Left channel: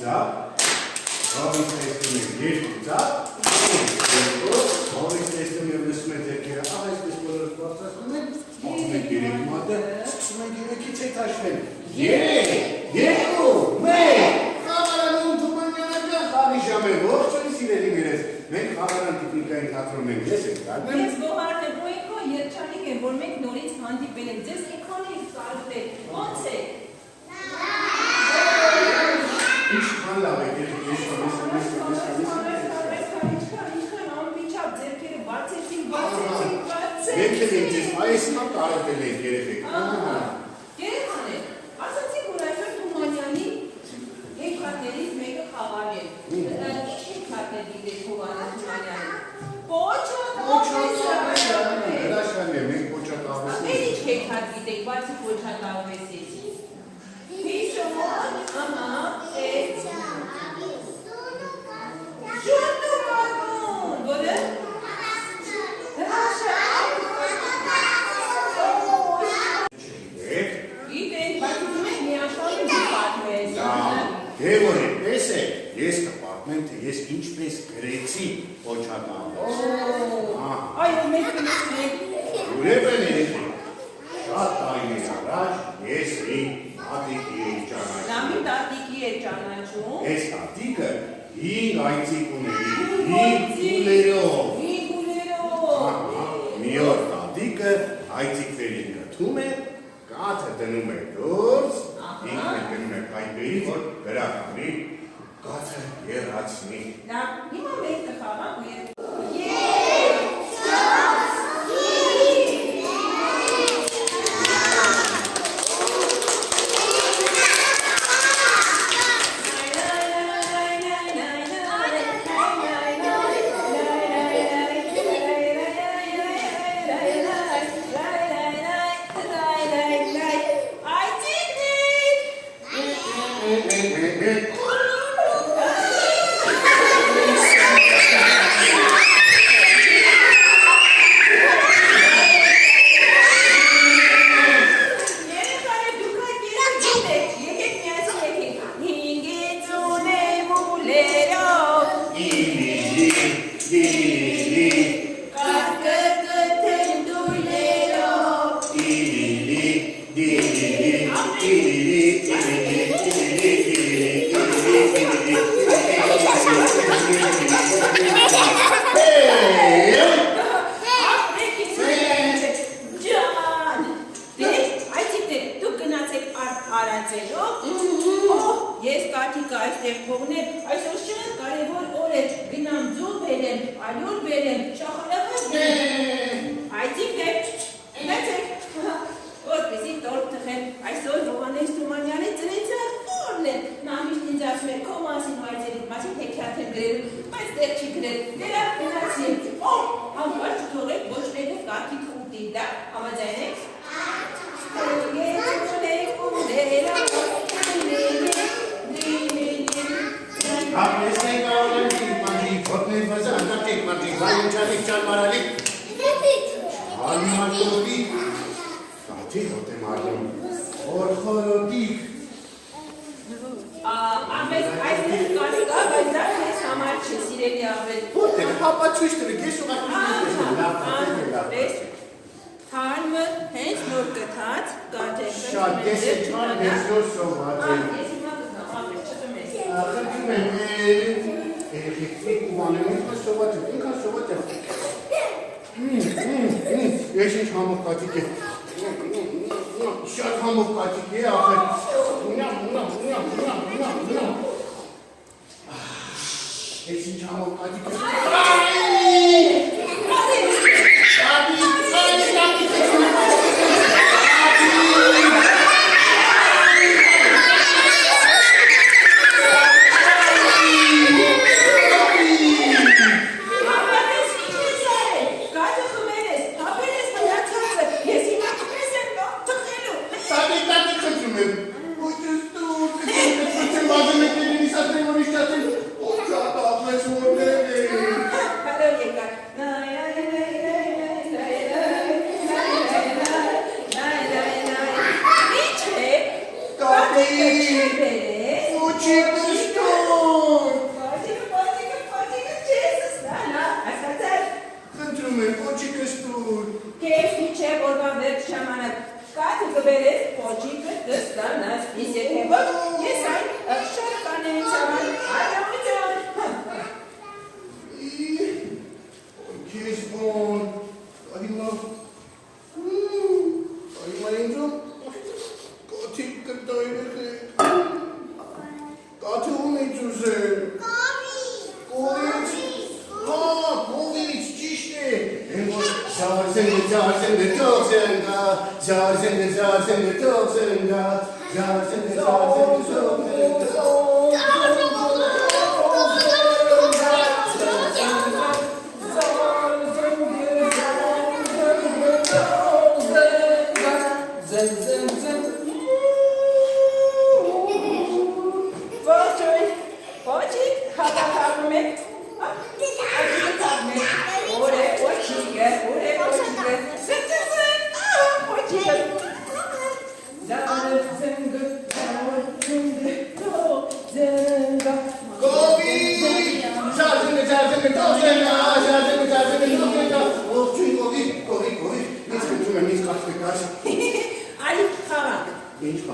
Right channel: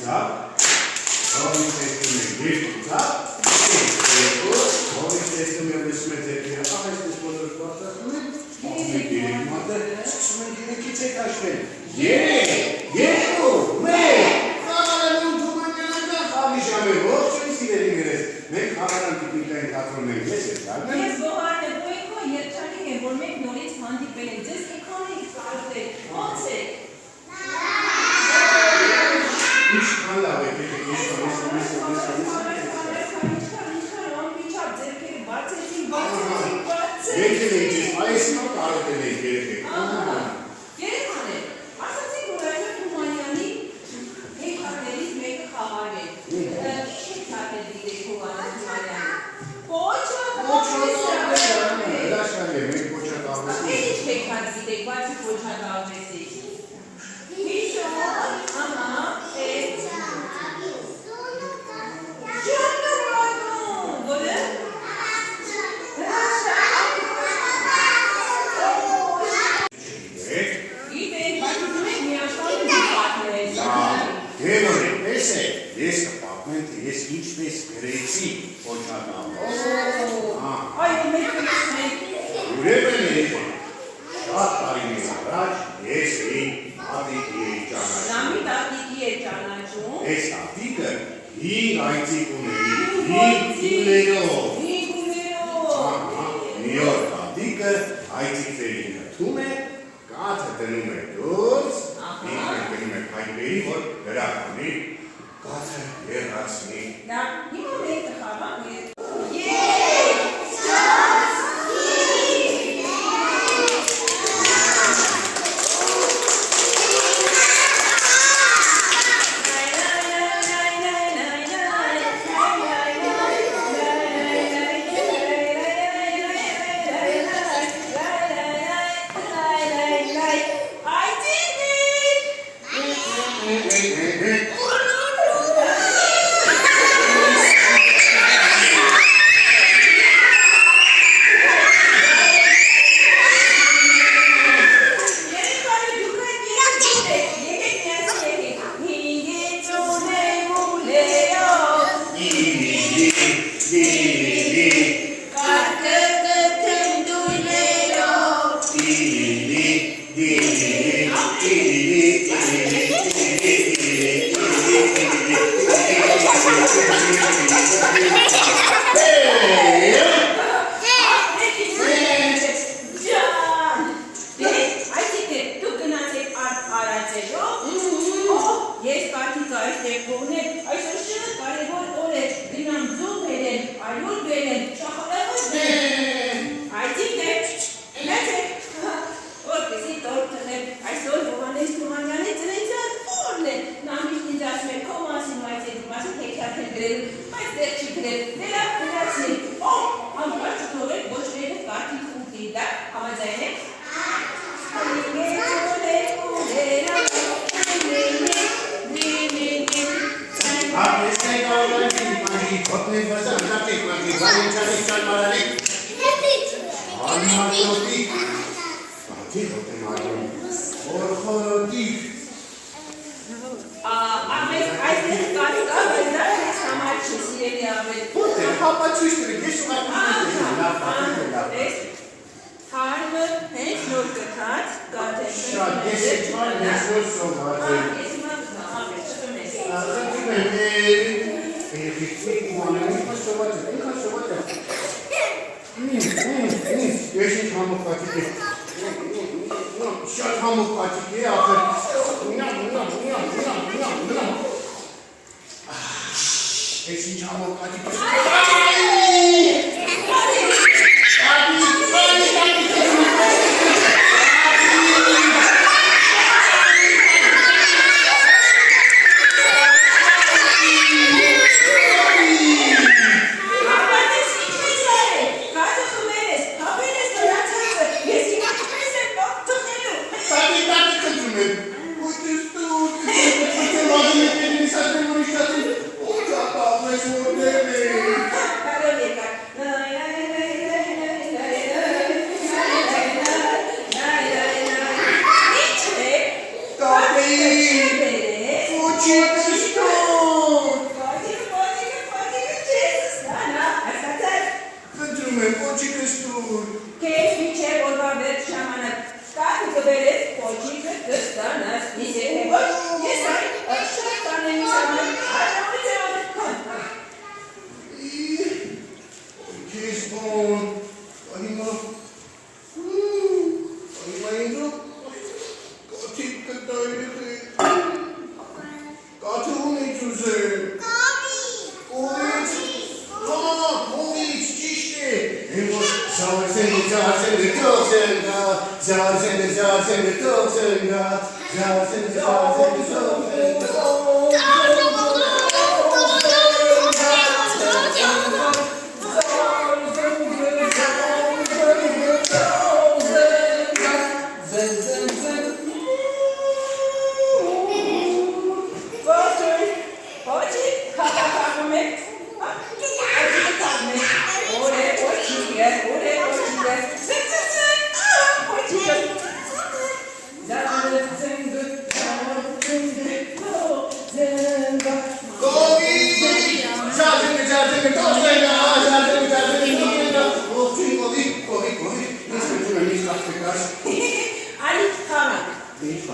ծափ, հողից տեսնում եք երկու ծափ, հողից տեսնում եք լսում եք ձերքերը, այսպես բոլորը պատրաստում եք, ասում եք երեք մատը, սկսում եք երեքից եք հաշվել, 3, 2, 1, խաղարանում Թումանյանը խաղի ժամ է, ողջույն սիրելի մերես, մենք խաղարան տիկնիկային թատրոն ենք, ես եք դարդեմ։ Ես Գոհարն եմ, ոյքո երջանիկ եմ, որ մենք նորից հանդիպել ենք, ձեզ էքրանից կարոտ եք, ոնց եք։ Ինչքան լավ եք, ինչքան Մենք էլ ենք ձեզ, այսինքն կարոտել ենք երեխեք։ Երեխան է, ասացիք, որ այսօր Թումանյանի հեքիաթներից մեկը խաղար է։ Ինչ հեքիաթ է դիտեք Հովհաննես Թումանյանի։ Ինչ հեքիաթ դիտեք, բացի Կոչատավեսից։ Հիշոն, Շուրնուկագուն, որը։ Ես կպատմեմ, թե ես ինչպես գրեցի Կոչատավես։ Այո, մեկ կլսնենք։ Ուրեմն երեխեք, շատ տարիներ առաջ ես մի տատիկի էի ճանաչում։ Նա մի տատիկի է ճանաչում։ Այս տատիկը հինգ այծիկ ուների, հինգ ուներով։ Մի օր տատիկը այծիկներին գտնում է, կաթը դնում է դուրս, ինքն գնում է փայտերի, որ գրախ ունի, կաթը եռացնի։ Դա հիմա մենք կխաղանք ես։ Ես կաթիկը այստեղ կողնեմ, այսօր շատ կարևոր օր է, գնամ ձու բերեմ, արյուն բերեմ, շախարախս բերեմ, այծիկ է, լացեք, որպեսի տոր տխեմ, այսօր Հովհաննես Թումանյանի ծնեցյան օրն է, նա միշտ ինձ ասում է, քո մասին ու այծեք մասին հեքիաթ է գրել, բայց դեռ չի գրել, դերա գնացնեք, ամբար չթողեք ոչ ներով կաթիկ ուտի, դա համաձայն եք։ Հոտնեի վազը անդակեք մագի, վայնջարիկ ճալմարալիկ, արմատոտիկ, կաթի հոտ եմ ագում, խորխորոտիկ, Ամես այսպես կարիք աղայ, դա ես համար չի սիրելի ավել։ հոտ եմ, հապաչույս տրեք, ես ուղապուր Հարմը հենց նոր կթած, գատել։ շատ ես է չար ես որ սովված եմ։ Ես հիմա գտամ, ամես, չկմ ես։ Աղջում եմ, երեխիքնիկ ու անեմ, ինքան սովված եմ։ Ես ինչ համով կատիկ է, շատ համով կատիկ է, ախր, ես ինչ համով կատիկ է, Fucci, Zazende, Tozenga. Zazende, Tozenga.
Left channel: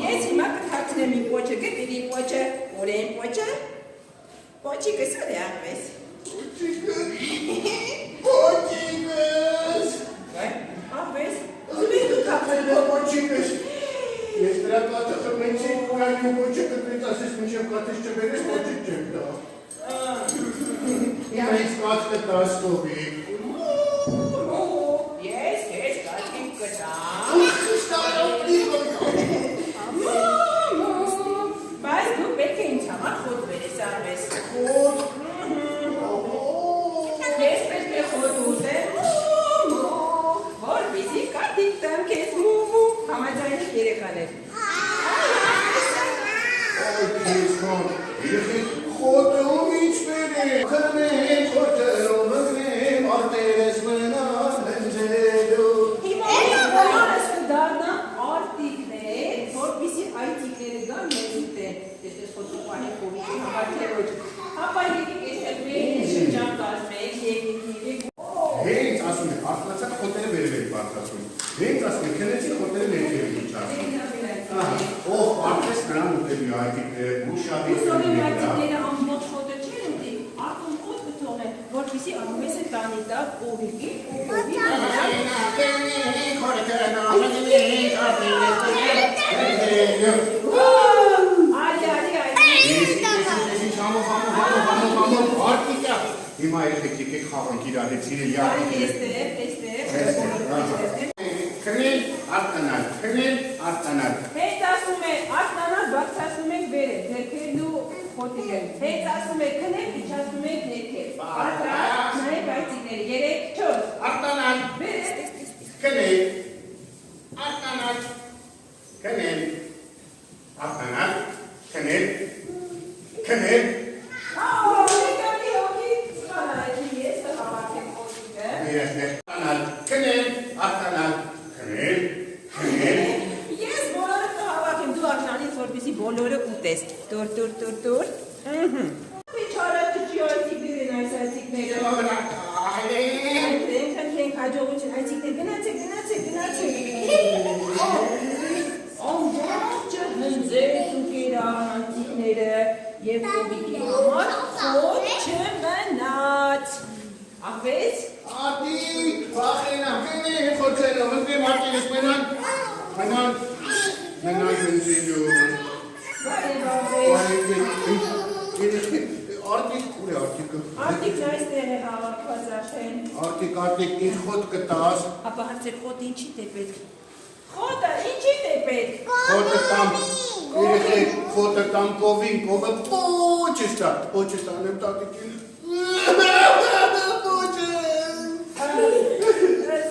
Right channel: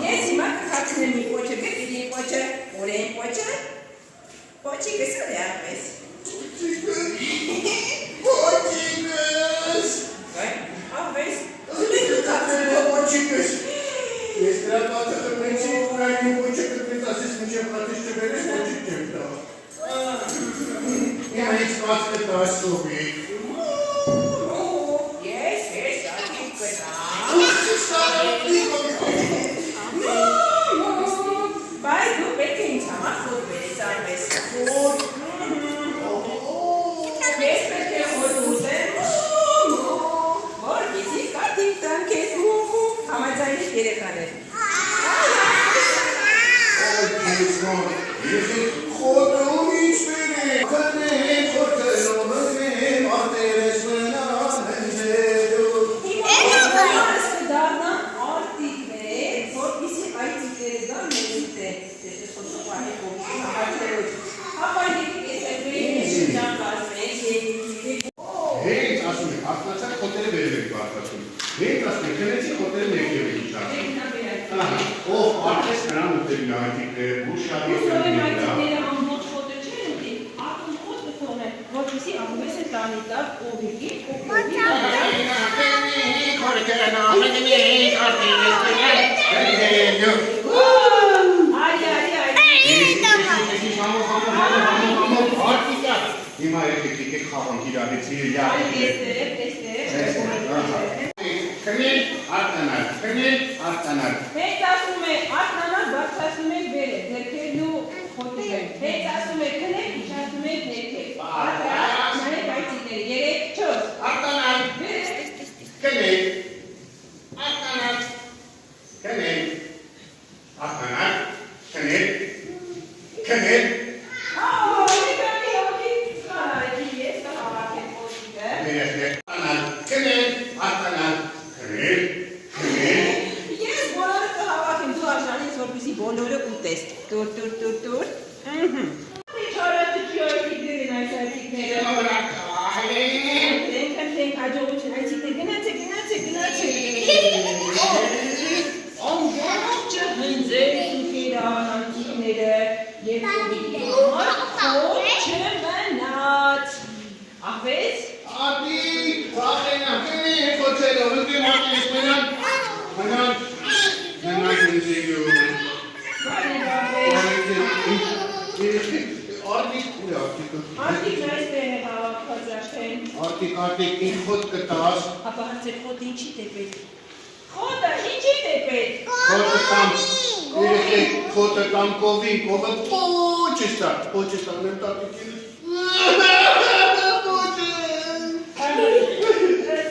Yes, ma katne mi poche ke pidi poche, ore poche. Poche ke sa de apes. Pochicas! Apes. Tule tu katne. Pochicas! Este la toată convenție cu care nu poce că trebuie să se începe plătește pe respectiv. Ia aici faci că te ascunde. Yes, yes, da, tip că da. Vai, nu pe când ți-am făcut pe să vezi. Yes, pe te hotute. Vor bizi ca tip tan kes mu. Am mai zis știre care. Ima elektrike xavan kirageti ya. Kınel artanar, kınel artanar. Hey tasume artanar bak tasume bere. Derkelu hotugen. Hey tasume kınel tasume neke. Artanar nane baytikleri yere çöz. Artanar, Bere. kınel artanar, kınel artanar, kınel kınel. Բոլորը ուտես, տուր։ Չարը տճի այցիկներին այս այցիկները։ Ենք հաջողություն այցիկներ, գնացեք։ Ամբողջը հնձեր սուկերանանցիկները և կովիդի համար խոտ չմնաց։ Ախվեց։ Ատի, վախենամ, կենի խոցելով, ընկեմ հատի իսպենան, հնան, հնայք ընձեյում։ Արտիկ, ուր է արտիկը։ Արտիկն այստեղ է հավաքված արդեն։ Արտիկ, ինչ խոտ կտաս։ Ապա հացեր խոտ ինչի է պետք։ Խոտը ինչի է պետք։ Խոտը տամ կովին, կովը պոչ եմ տատիկին։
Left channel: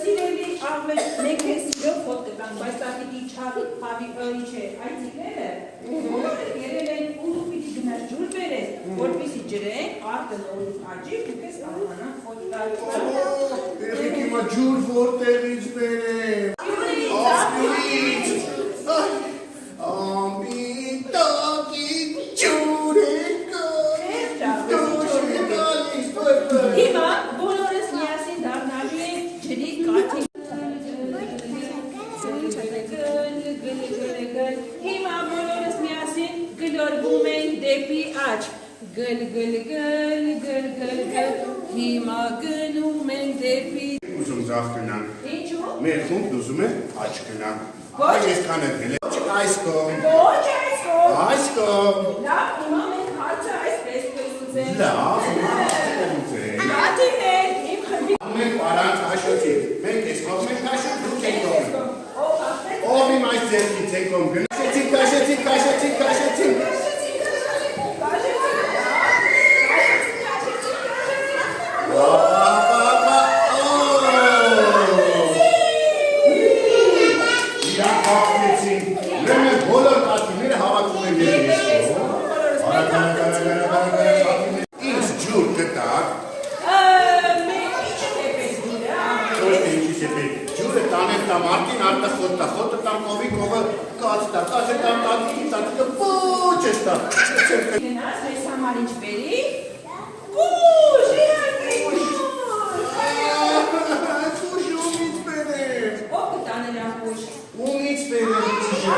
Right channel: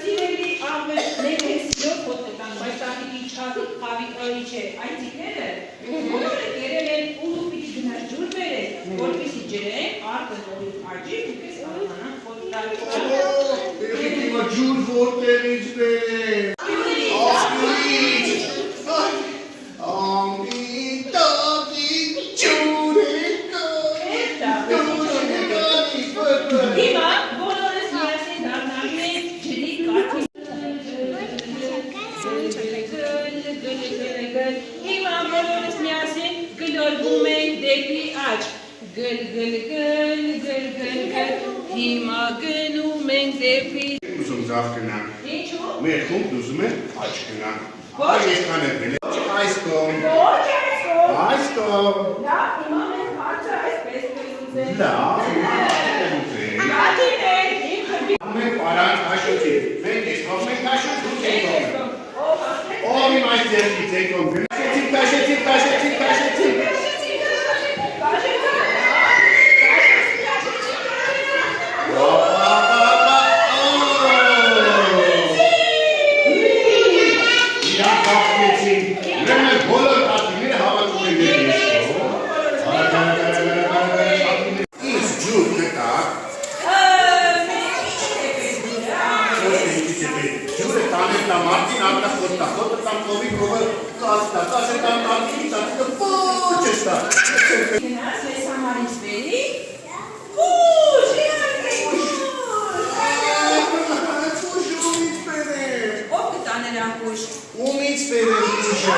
Սիրելի աղվել ներես սիրով խոտը տամ, բայց տատիկի չավիկ կավիկրոյի չէ, այցիկները բոլորը կերել են ու պիտի գնար ջուր բերես, որպեսի ջրեն, արտը նորից արջի, ուկես անանան խոտ տալիկը։ Հիմա ջուր որտեղից բերեմ։ Ասյուրից։ Ամիտակի ջուր է Հիմա բոլորս միասին դառնալու ենք ջրի կաթի։ Հիմա բոլորս միասին գլորվում ենք դեպի աջ։ Գլ։ Հիմա գնում ենք դեպի։ Ուզում ձավ գնանք։ Ինչու՞։ Մեր խումբ ուզում է աջ գնանք։ Այսքան է բերել։ Այս կողմ։ Ոչ այսքան։ Այս կողմ։ Լավ, հիմա մենք հարցը այսպես կուզենք։ Լավ, Գատիներ, իմ խմբի։ մենք պարան հաշոտի։ Մենք ես հով մենք հաշոտ դուք եք կողմ։ Ով հաշտե։ Ո՞րի մայր ձերքի ձեկոն գնացեցիք, կաշեցիք։ Գնաց մեզ համար ինչ բերի։ Ուշ, իհարկե, ուշ։ Ով կտա նրան ուշ։ Ումից բերեմ ուշը։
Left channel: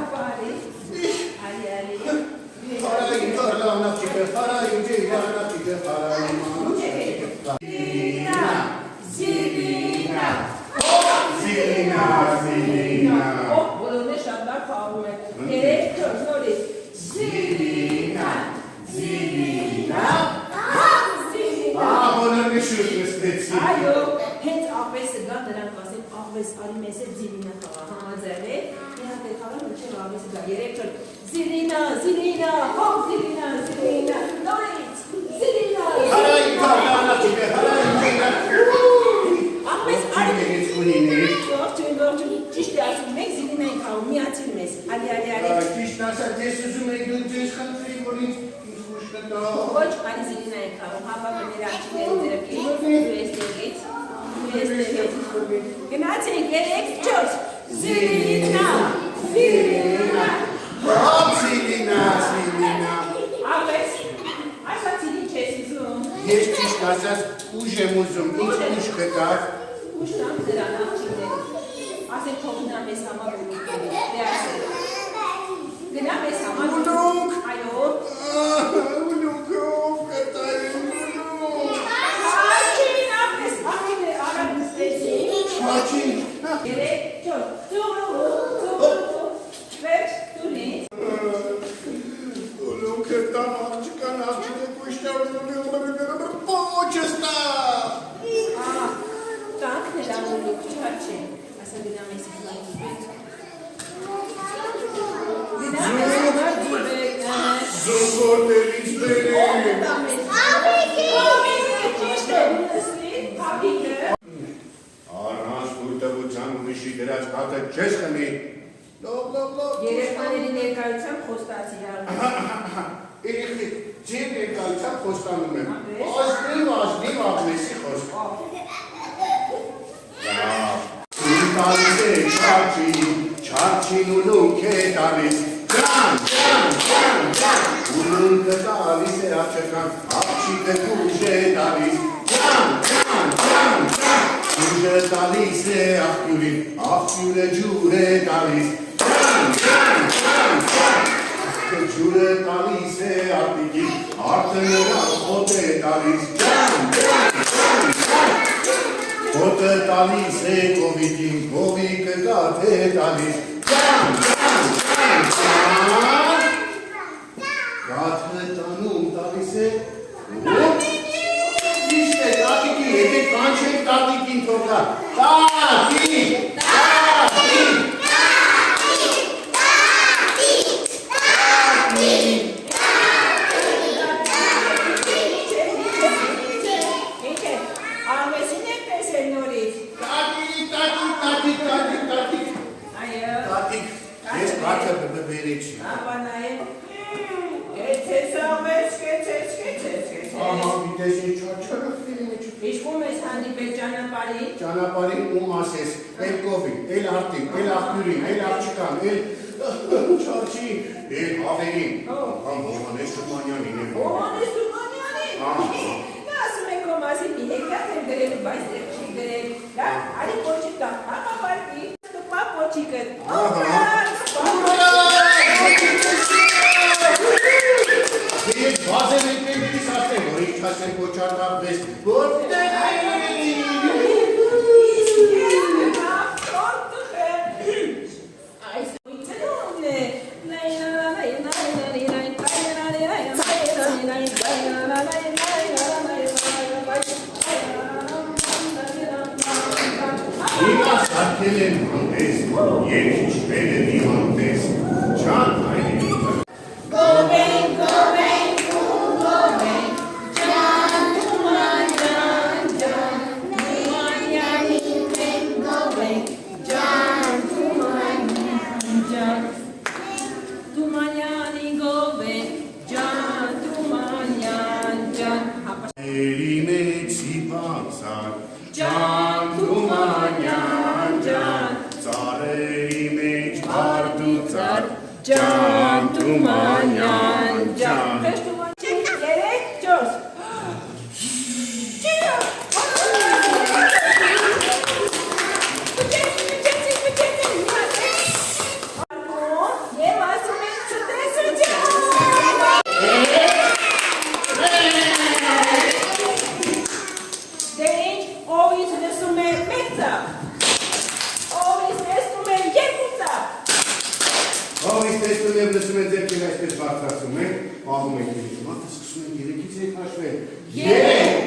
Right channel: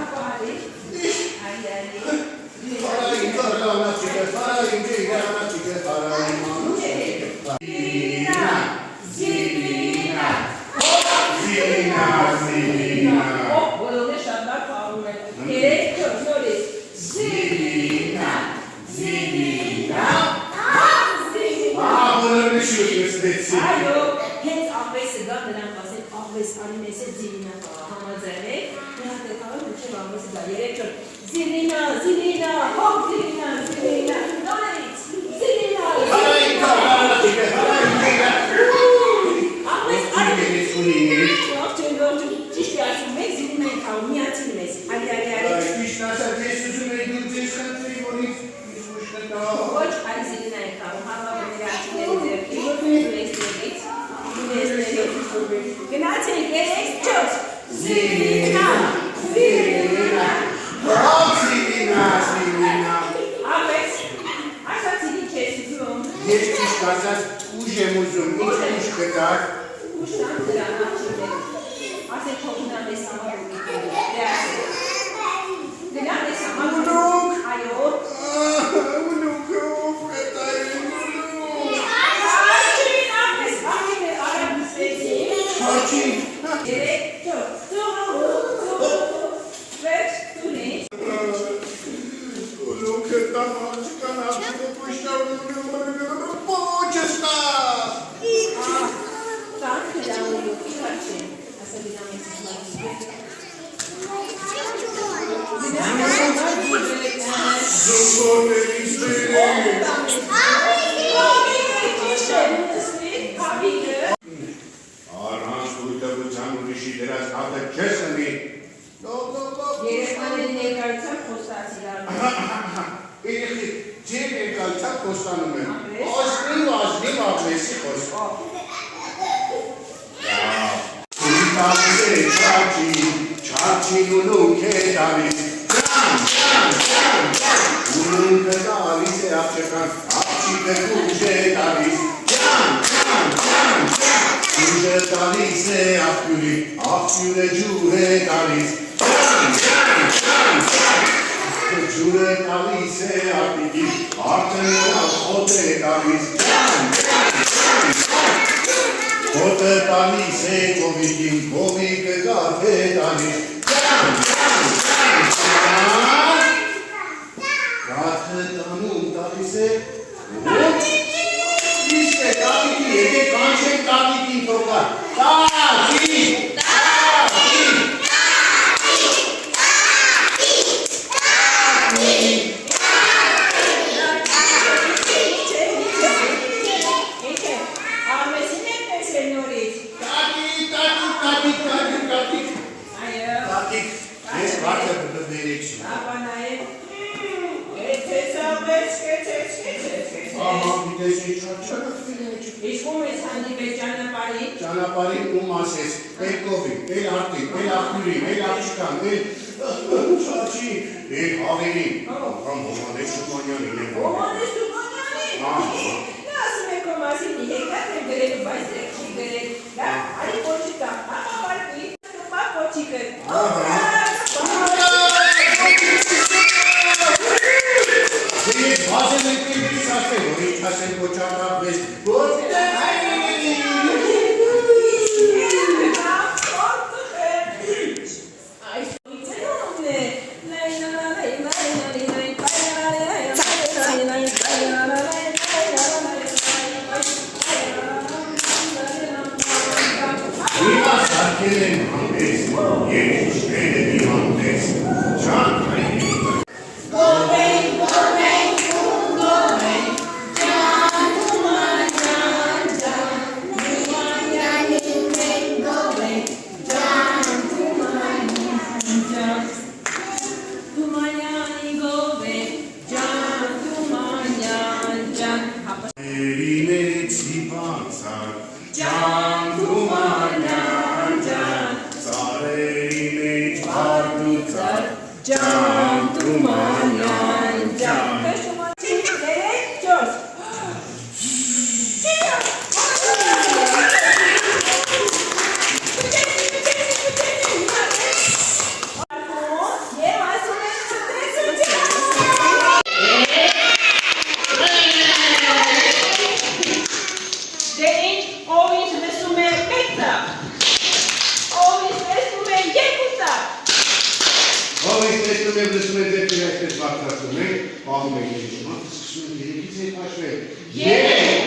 Ապա արի։ Արի։ Հարային կարլանաչիկը, հարային գերանաչիկը, հարային մանուչիկը։ Զիլինա։ Ով բոլորն է շատ լավ պահում է։ Երեք չոր նորից։ Զիլինա։ Բոլորը շուտ նստեցի։ Այո, հենց աղվեսը գա նրանք ասեն աղվես արի մեզ է Զիլինա համաձայն է։ Նրանք դեպքում մինչև աղվեսը գա երեք չոր։ Զիլինա, հով Զիլինա, նորից, Զիլինա։ Հարային կարլանաչիկը, հարային գերանաչիկը։ Աղվես արի։ Ողջույն, ճիշտ է ասում, մեկ Զիլինա ենք հաում, միացին մեզ, արի։ Ճիշտ ասած, ես ուզում էի դուք ձեզ խնդրի, որ ինձ ուշ կտա։ Ոչ, արի Զիլինա ենք հաում, հավավը մեր աղջիկների դեպքի, գնացենք, երեք չորս, Զիլինա։ Աղվես, այսա Զիլին չես ուզում։ Ես ճիշտ ասած, ուժ եմ ուզում, ինչ ուժ կտակ։ Ուշան դրան աղջիկներ, ասենք թող գնա մեզ համար ու միտքերի, դե ասենք, գնա մեզ համար ու այո, Ուլուքը ով կտային ուլուք։ աղջին աղվես, աղջիններ արագ նստեցի, Հաչի։ երեք չոր, վերջ տունից, Ուլուքը տամաչ կանաչը պուշտավի պոչս տա։ տանք դրան ու լուքի հաչեն, ասա գնա մեզ համար Զոհորներից բերեմ։ Առանց ուրտեղության ուրիշի դրած հատը չես ընի։ Լով։ Երեխաների ներկայությամբ խոստացի արդ։ Երեխի, ձեր ներկայությամբ խոստանում եմ։ Ազնիվ աղվեսի խոսք։ Տալիս է չաչին ուլուք է տալիս, ուլուքը տալիս է աղջական, աղջիկը ուժ է տալիս, ուժը տալիս է աղջուրի, աղջուրը ջուր է տալիս, ջուրը տալիս է աղջիկի, աղջը նրան խոտ է տալիս, Հոտը տալիս է կովիկին, կովիկը գարդ է տալիս, գարդը տանում տալիս է, իշտ է տատիկի, եկեք կանչեք տատիկին թողա, տատիկ, ես բացը բդբերիչ։ Ապա նաև, կեցես ամես, կեցես։ Ահա, գիտես ինչ չարչարախ դինեչ։ Իշկում ես հանդիպել ճանապարհի։ Ճանապարհին ում ասես, էլ կովին, էլ արտին, էլ աղջուրին, էլ աղջկան, էլ չարչի, էլ հավերին։ Ամ Հովանես Թումանյանին եմ։ Հովանես Թումանյանին։ Նա ասում է քո մասին մի հեկատ եմ գրել, բայց դեռ չի գրել։ Դա արի կոչի տա, ապա վարկի, տպա կոչիկը։ Ես բազել ենք ինքիս ասել, որ ինչ ասել կոչարդար ես, ջան Թումանյանի գովե ջան Թումանյան ջան հապա Երինեցի բացակ ջան Թումանյան ջան Ծարերի մեջ արդուծար ջան Թումանյան ջան Պես Թումանյան երեք ճորս Եվ ասում ենք չտեսություն Դե ինչ ով ինչ լսում է մեկ ծապ Ով ինչ լսում է երկու ծապ Ով ինչ տեսնում և լսում է ձեր այսպես բարձրացում ենք, աղում ենք երկու, սկսում ենք երեքից երբ հաշվել։ Երեք,